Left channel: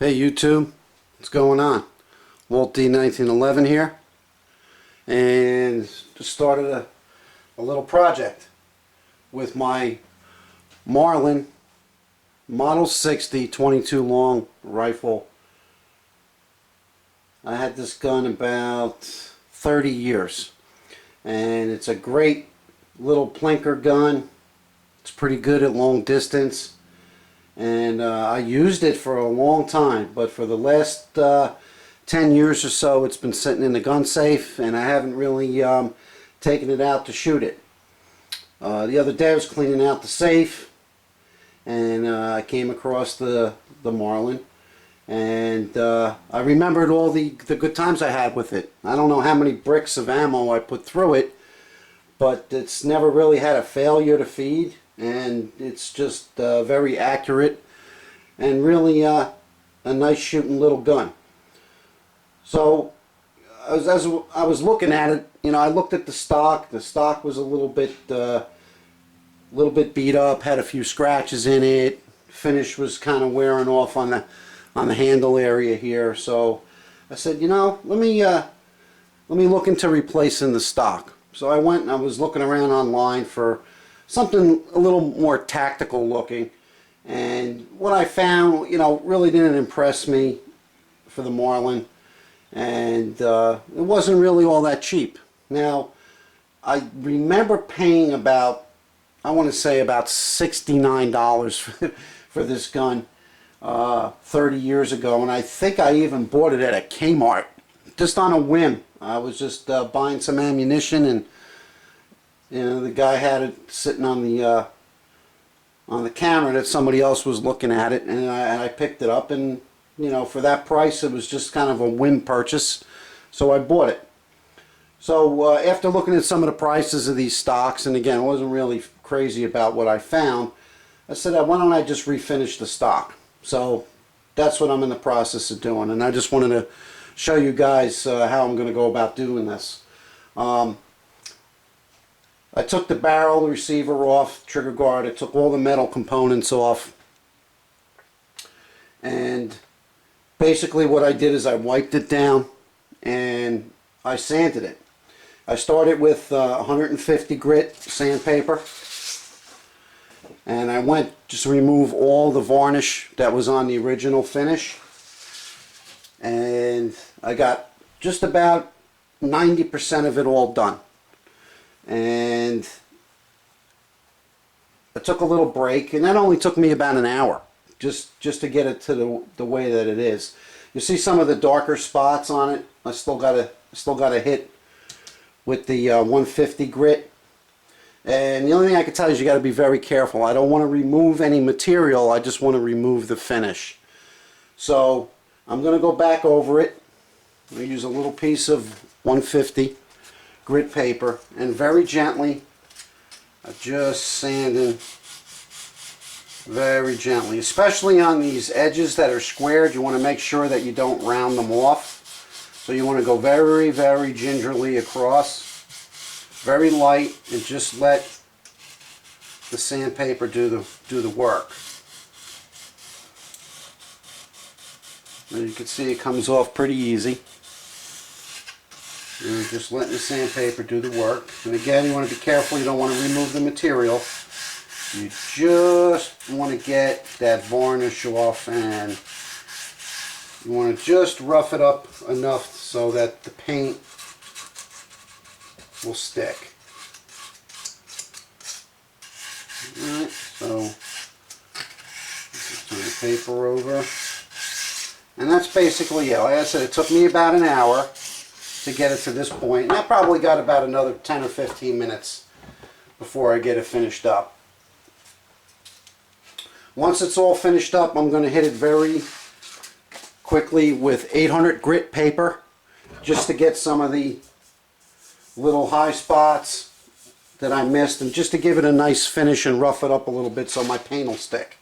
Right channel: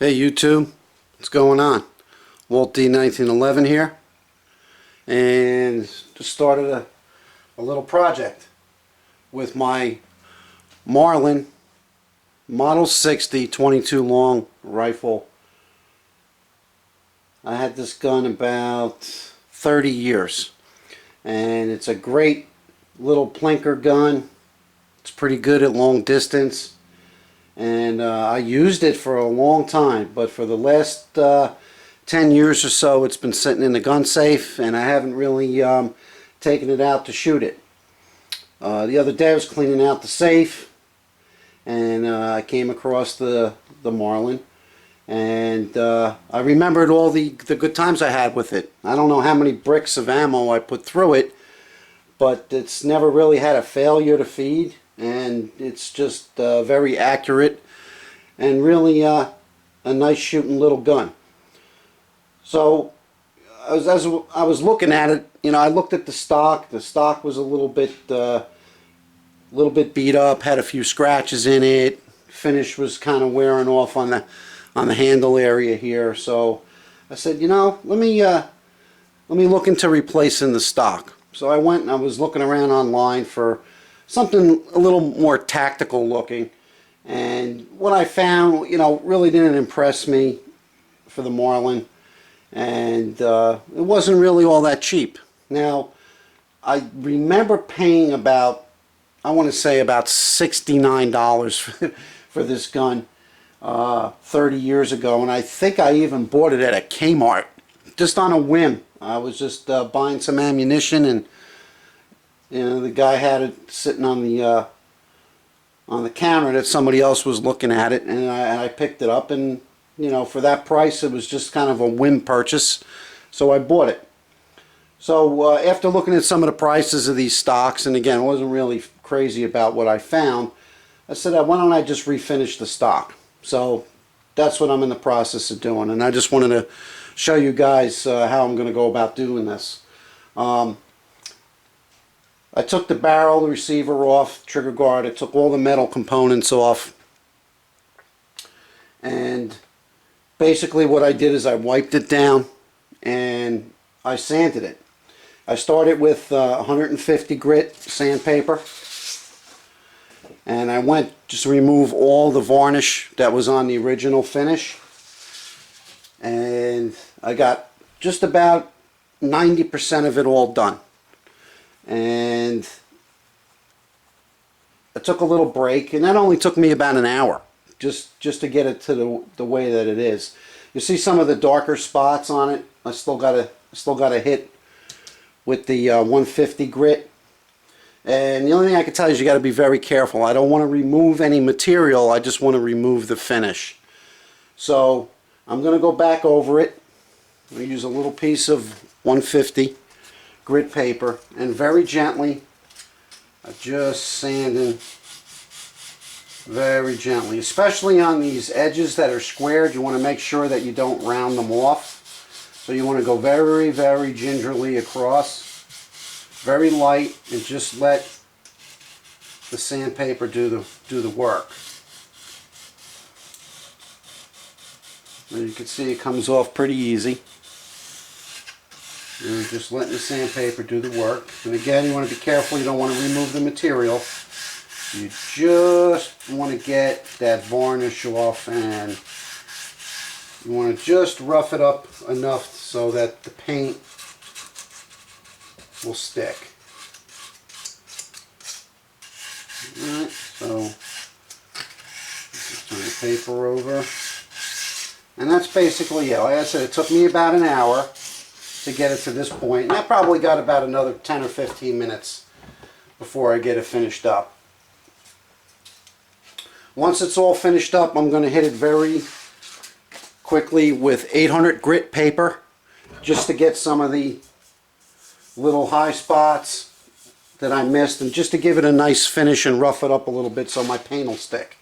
Hey YouTube, what's going on? Walt D 1911 here, and just started a little project with my Marlin Model 60 22 long rifle. I had this gun about 30 years, and it's a great little plinker gun. It's pretty good at long distance. And I used it for a long time, but for the last 10 years or so it's been sitting in the gun safe, and I haven't really taken it out to shoot it. The other day I was cleaning out the safe, and I came across the Marlin, and I remembered all the good times I had with it. I don't know how many bricks of ammo I put through it, but it's never really had a failure to feed. And it's just very accurate and really a nice shooting little gun. So as I was looking at it, you know, I looked at the stock. The stock was a little bit beat up, had a few scratches in it. Finish was kind of wearing off on the handle area here. So I said, you know, let me look into replacing the stock. So I went and I was looking around online for something a little more tactical looking, and what I found, you know, really didn't impress me for the Marlin, and it wasn't really all that cheap. Now, I remember paying about, I want to say about $69 for this gun 30 years ago, and I think I even bought it at a Kmart just on a whim. I was just buying some ammunition, and you know, the guy had it sitting on the counter that somebody else was looking at it, and I picked it up, and you know, for that price it was just kind of a whim purchase, so I bought it. So after looking at some of the prices of these stocks, and again I wasn't really crazy about what I found, I said, why don't I just refinish the stock? So that's what I'm in the process of doing, and I just wanted to show you guys how I'm going to go about doing this. I took the barrel, the receiver off, trigger guard. I took all the metal components off. And basically what I did is I wiped it down and I sanded it. I started with 150 grit sandpaper. And I went just to remove all the varnish that was on the original finish. And I got just about 90% of it all done. And I took a little break, and that only took me about an hour just to get it to the way that it is. You see some of the darker spots on it. I still got a hit with the 150 grit, and the only thing I can tell you is you got to be very careful. I don't want to remove any material, I just want to remove the finish. So I'm going to go back over it. I'm going to use a little piece of 150 grit paper, and very gently, just sanding very gently, especially on these edges that are squared. You want to make sure that you don't round them off, so you want to go very, very gingerly across, very light, and just let the sandpaper do the work. And you can see it comes off pretty easy. And just letting the sandpaper do the work. And again, you want to be careful. You don't want to remove the material. You just want to get that varnish off, and you want to just rough it up enough so that the paint will stick. Alright, so just turn the paper over. And that's basically it. Like I said, it took me about an hour to get it to this point, and I probably got about another 10 or 15 minutes before I get it finished up. Once it's all finished up, I'm going to hit it very quickly with 800 grit paper just to get some of the little high spots that I missed, and just to give it a nice finish and rough it up a little bit so my paint will stick.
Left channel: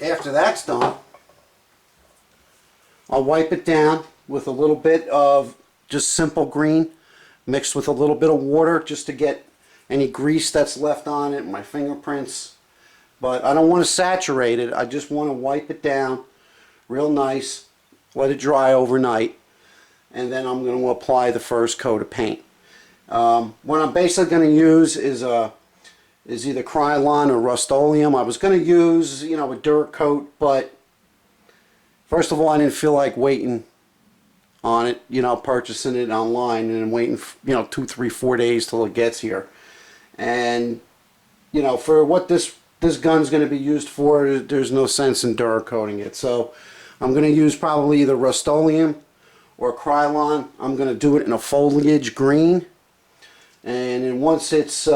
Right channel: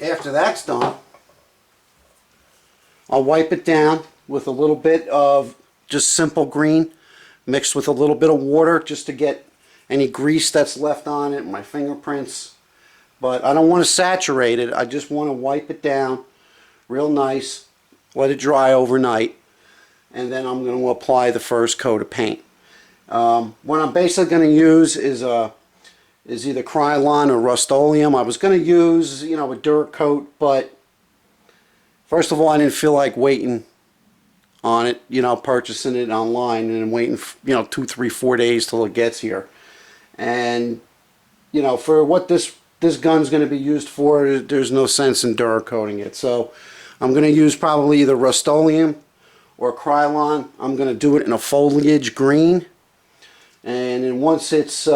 After that's done, I'll wipe it down with a little bit of just simple green mixed with a little bit of water just to get any grease that's left on it, my fingerprints, but I don't want to saturate it. I just want to wipe it down real nice, let it dry overnight, and then I'm going to apply the first coat of paint. What I'm basically going to use is either Krylon or Rust-Oleum. I was going to use, you know, a Dur coat, but first of all, I didn't feel like waiting on it, you know, purchasing it online and waiting, you know, 2, 3, 4 days till it gets here. And, you know, for what this gun's going to be used for, there's no sense in Dur coating it. So I'm going to use probably either Rust-Oleum or Krylon. I'm going to do it in a foliage green. And then once it's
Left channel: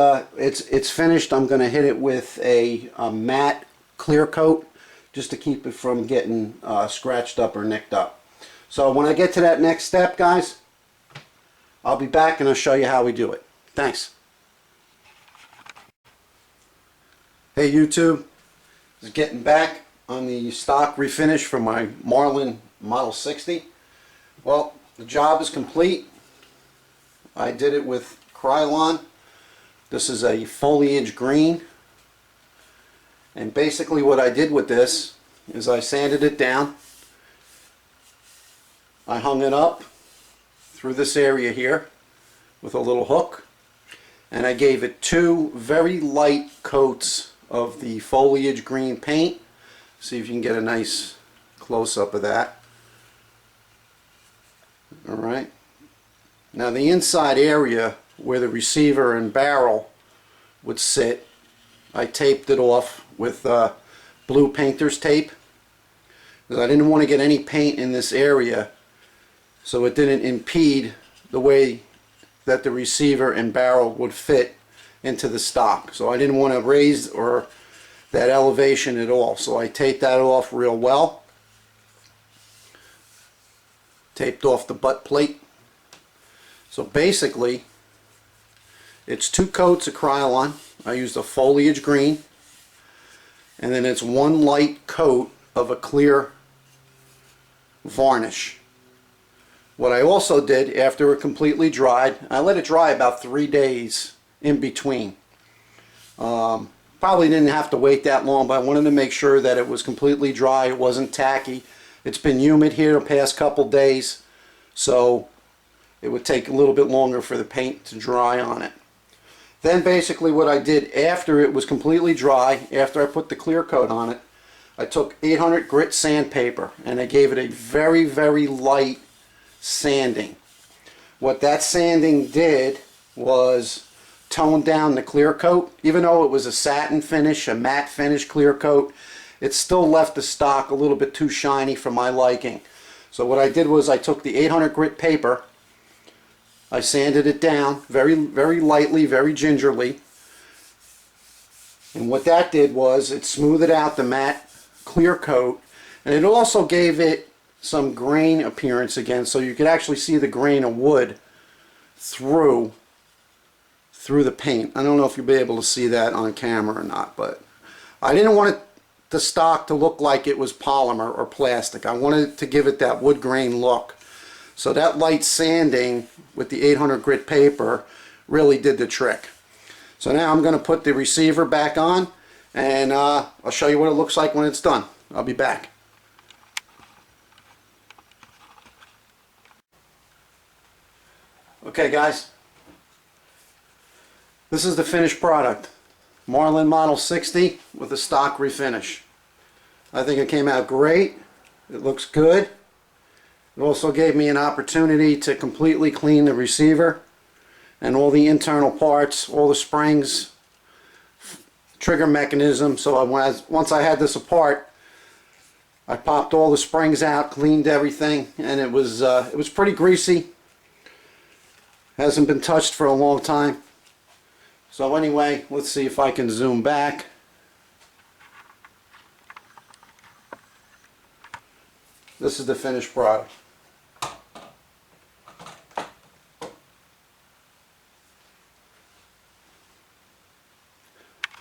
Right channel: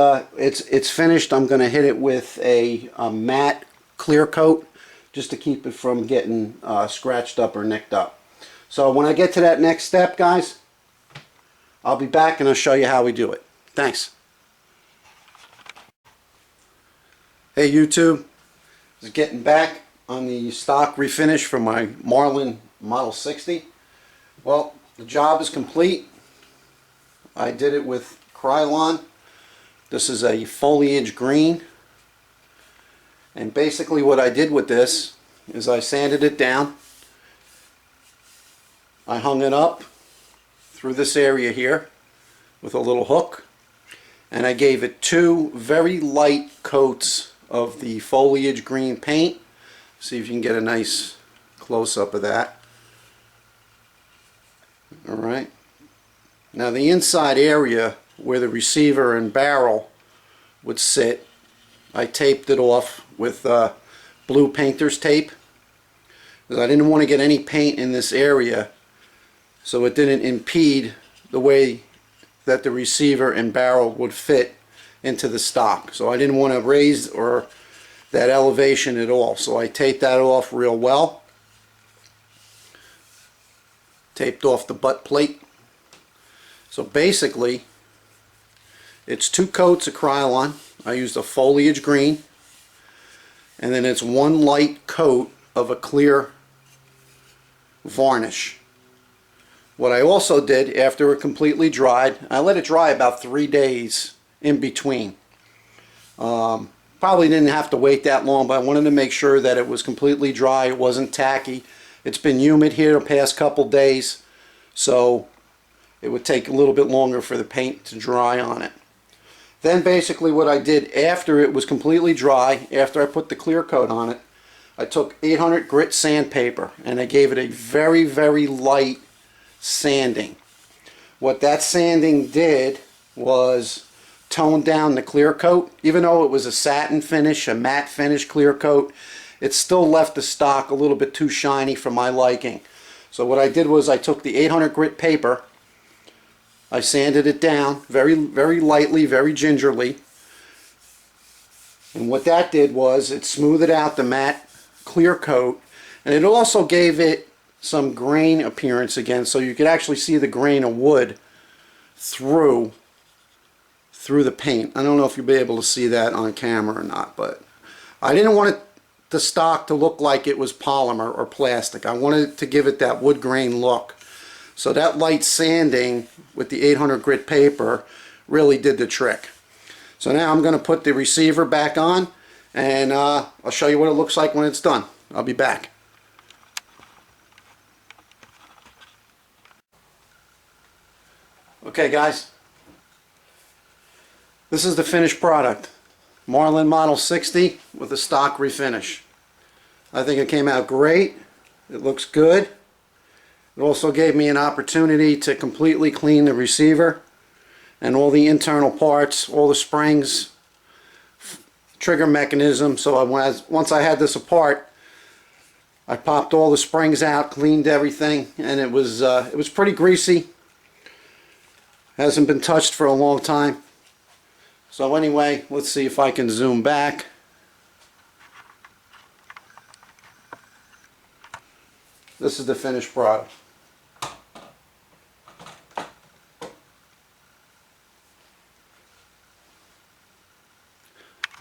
finished, I'm going to hit it with a matte clear coat just to keep it from getting scratched up or nicked up. So when I get to that next step, guys, I'll be back and I'll show you how we do it. Thanks. Hey YouTube, just getting back on the stock refinish for my Marlin Model 60. Well, the job is complete. I did it with Krylon. This is a foliage green, and basically what I did with this is I sanded it down. I hung it up through this area here with a little hook, and I gave it 2 very light coats of the foliage green paint. See if you can get a nice close-up of that. Alright, now the inside area where the receiver and barrel would sit, I taped it off with blue painter's tape, because I didn't want to get any paint in this area so it didn't impede the way that the receiver and barrel would fit into the stock. So I didn't want to raise or that elevation at all, so I taped that off real well. Taped off the butt plate. So basically it's 2 coats of Krylon. I used a foliage green, and then it's 1 light coat of a clear varnish. What I also did after it completely dried, I let it dry about 3 days in between. Probably didn't have to wait that long, but I wanted to make sure that it was completely dry, it wasn't tacky. It's been humid here the past couple days, so it would take a little bit longer for the paint to dry on it. Then basically what I did after it was completely dry, after I put the clear coat on it, I took 800 grit sandpaper and I gave it a very, very light sanding. What that sanding did was tone down the clear coat. Even though it was a satin finish, a matte finish clear coat, it still left the stock a little bit too shiny for my liking. So what I did was I took the 800 grit paper, I sanded it down very, very lightly, very gingerly, and what that did was it smoothed out the matte clear coat, and it also gave it some grain appearance again, so you could actually see the grain of wood through the paint. I don't know if you'll be able to see that on camera or not, but I didn't want the stock to look like it was polymer or plastic. I wanted to give it that wood grain look. So that light sanding with the 800 grit paper really did the trick. So now I'm going to put the receiver back on, and I'll show you what it looks like when it's done. I'll be back. Okay guys, this is the finished product. Marlin Model 60 with a stock refinish. I think it came out great. It looks good. It also gave me an opportunity to completely clean the receiver and all the internal parts, all the springs, trigger mechanism. So once I had this apart, I popped all the springs out, cleaned everything, and it was pretty greasy. Hasn't been touched for a long time. So anyway, let's see if I can zoom back. This is the finished product.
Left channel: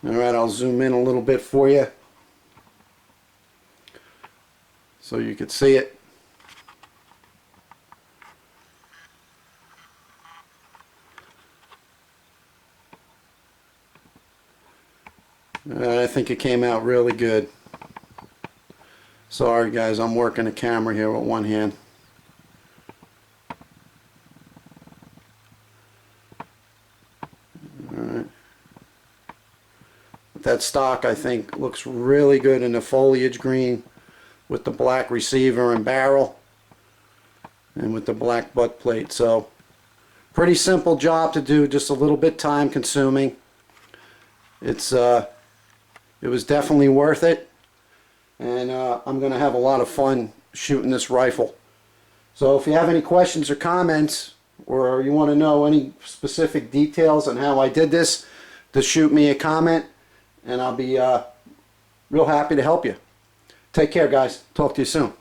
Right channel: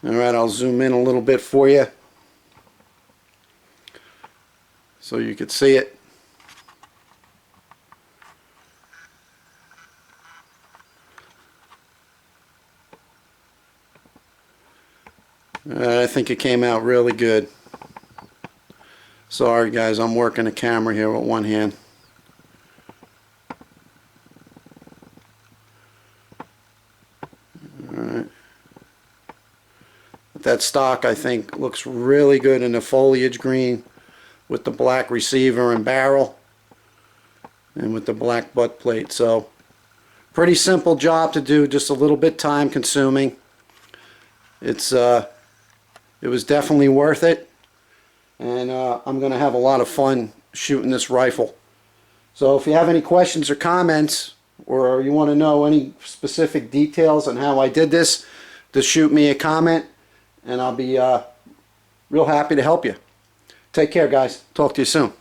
Alright, I'll zoom in a little bit for you so you could see it. I think it came out really good. Sorry guys, I'm working the camera here with one hand. Alright. That stock, I think, looks really good in the foliage green with the black receiver and barrel and with the black butt plate. So pretty simple job to do, just a little bit time consuming. It was definitely worth it, and I'm going to have a lot of fun shooting this rifle. So if you have any questions or comments, or you want to know any specific details on how I did this, just shoot me a comment and I'll be real happy to help you. Take care guys. Talk to you soon.